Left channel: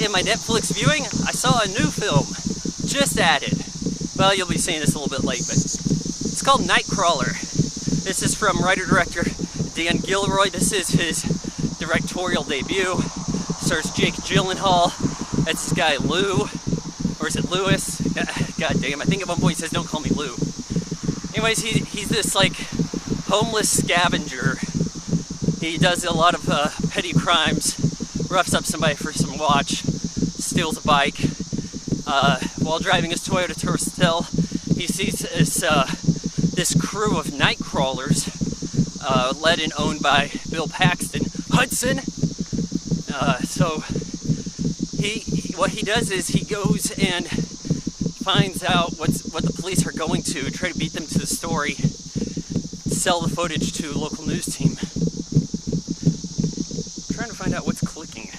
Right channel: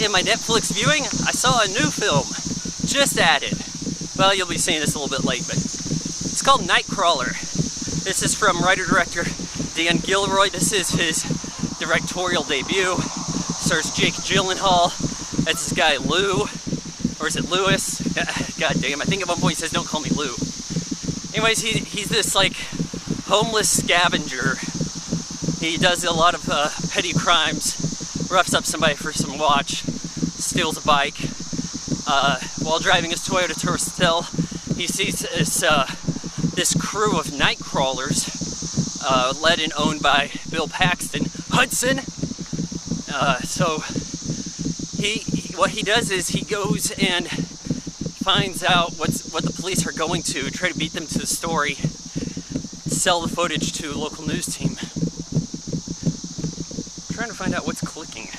in my Netflix viewing, I saw a new film just added. Well, you'll be seeing this a little bit late, but it's called Nightcrawler. This is from writer-director Dan Gilroy. This is his directorial debut. Stars Jake Gyllenhaal. That's this guy Lou, or is it Lewis? God damn, I think at one point he says, "Don't call me Lou." Anyways, he's this like homeless scavenger. He does a lot of petty crimes, roughs up somebody for some watch, steals a bike. While driving his Toyota Tercel, he sees this crew of night crawlers, led and owned by Bill Paxton Hudson. So what he does is he goes and finds out what the police are going to, try to beat them to the story, sell the footage to a local news team. I'm trying to find out what's clicking.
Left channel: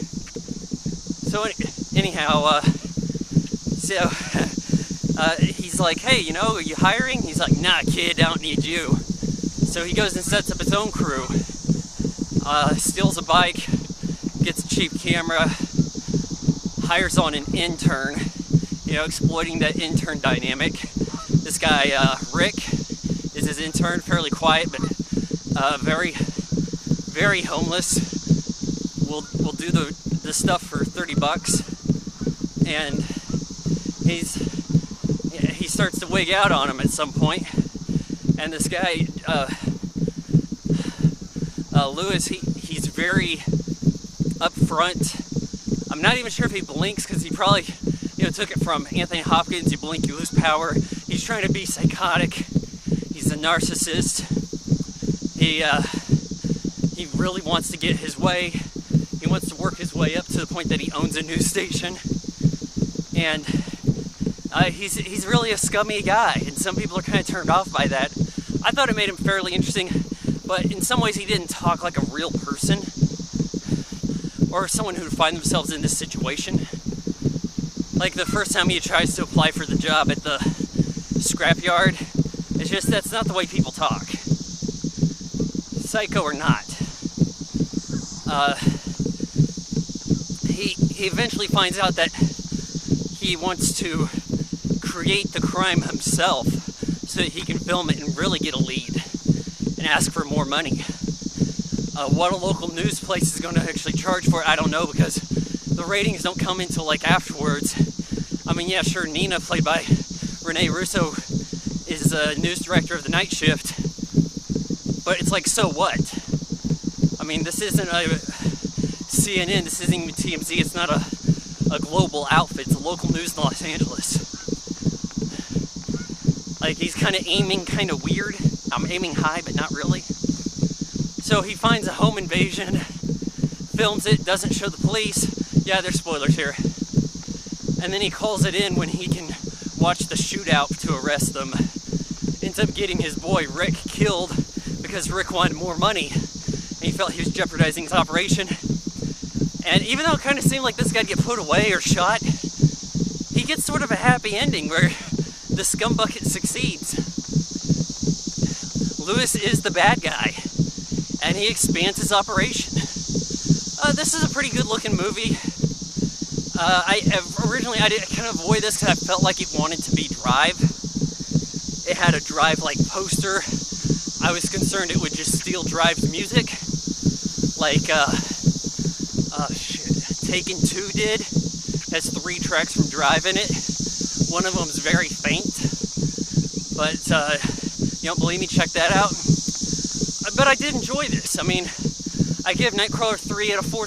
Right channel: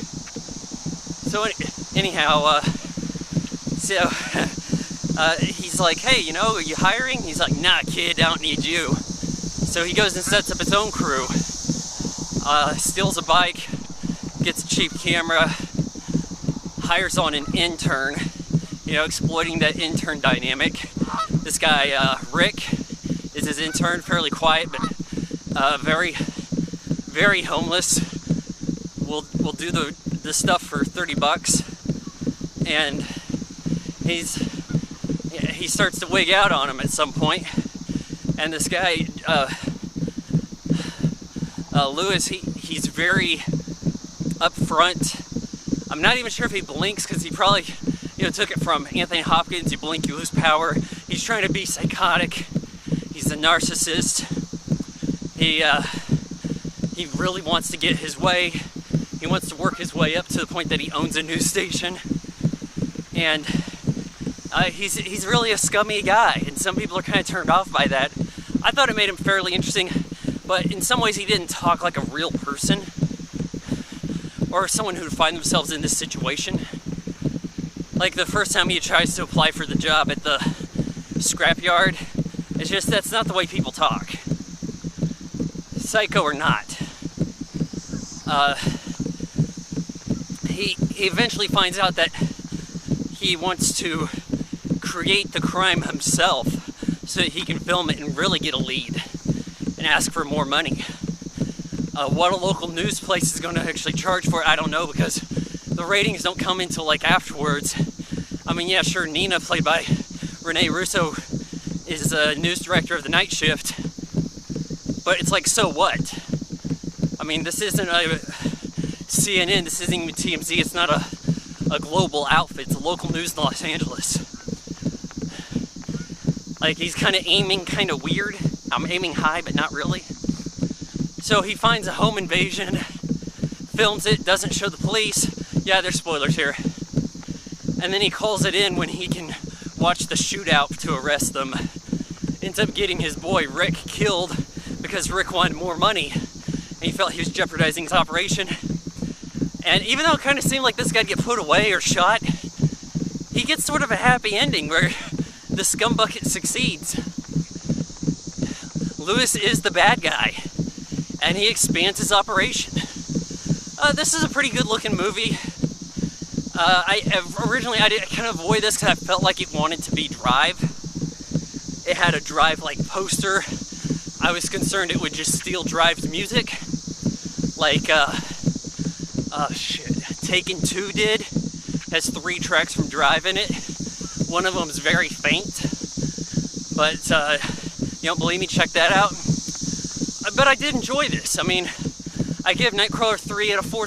So anyhow, he's like, "Hey, you know, are you hiring?" He's like, "Nah, kid, I don't need you." So he goes and sets up his own crew, steals a bike, gets a cheap camera, hires on an intern, exploiting that intern dynamic. This guy, Rick, is his intern, fairly quiet, but very, very homeless. Will do the stuff for $30, and he starts to wig out on him at some point. And this guy, Lewis, he's very upfront. I'm not even sure if he blinks, because he probably took it from Anthony Hopkins. You blink, you lose power. He's trying to be psychotic. He's a narcissist. He really wants to get his way. He wants to work his way up to the point that he owns a news station. And he's really a scummy guy, and some people are kind of turned off by that. I thought it made him fairly interesting, but in some ways he didn't talk like a real person, or someone who would find themselves in this situation. Like the first time he tries to apply for the job at the scrapyard, it's just, that's not the way people talk. Psycho or not. He eventually finds out that he wants to create the crime himself so that he can film it and really get a lead and ask for more money. What a local news place is going to actually charge for it, I don't know, because the ratings don't come until like afterwards. I mean, yeah, sure, Nina, played by Renee Russo, is a news director of the night shift, but it's like, so what? I mean, this isn't a CNN, this isn't even TMZ, it's not a global outfit, it's a local news in Los Angeles. Like, he's kind of aiming kind of weird. I'm aiming high, but not really. So he finds a home invasion, films it, doesn't show the police. Yeah, there's spoilers here. And then he calls it in when he can watch the shootout to arrest them. Ends up getting his boy Rick killed because Rick wanted more money, and he felt he was jeopardizing his operation. And even though it kind of seemed like this guy'd get put away or shot, he gets sort of a happy ending where the scumbucket succeeds. Lewis is the bad guy, and he expands his operation. This is a pretty good looking movie. I did kind of avoid this because I felt like it wanted to be Drive. It had a Drive-like poster. I was concerned it would just steal Drive's music, like Taken 2 did. Has 3 tracks from Drive in it. One of them is very faint, but you don't believe me? Check that out. But I did enjoy this. I mean, I give Nightcrawler 3 out of 4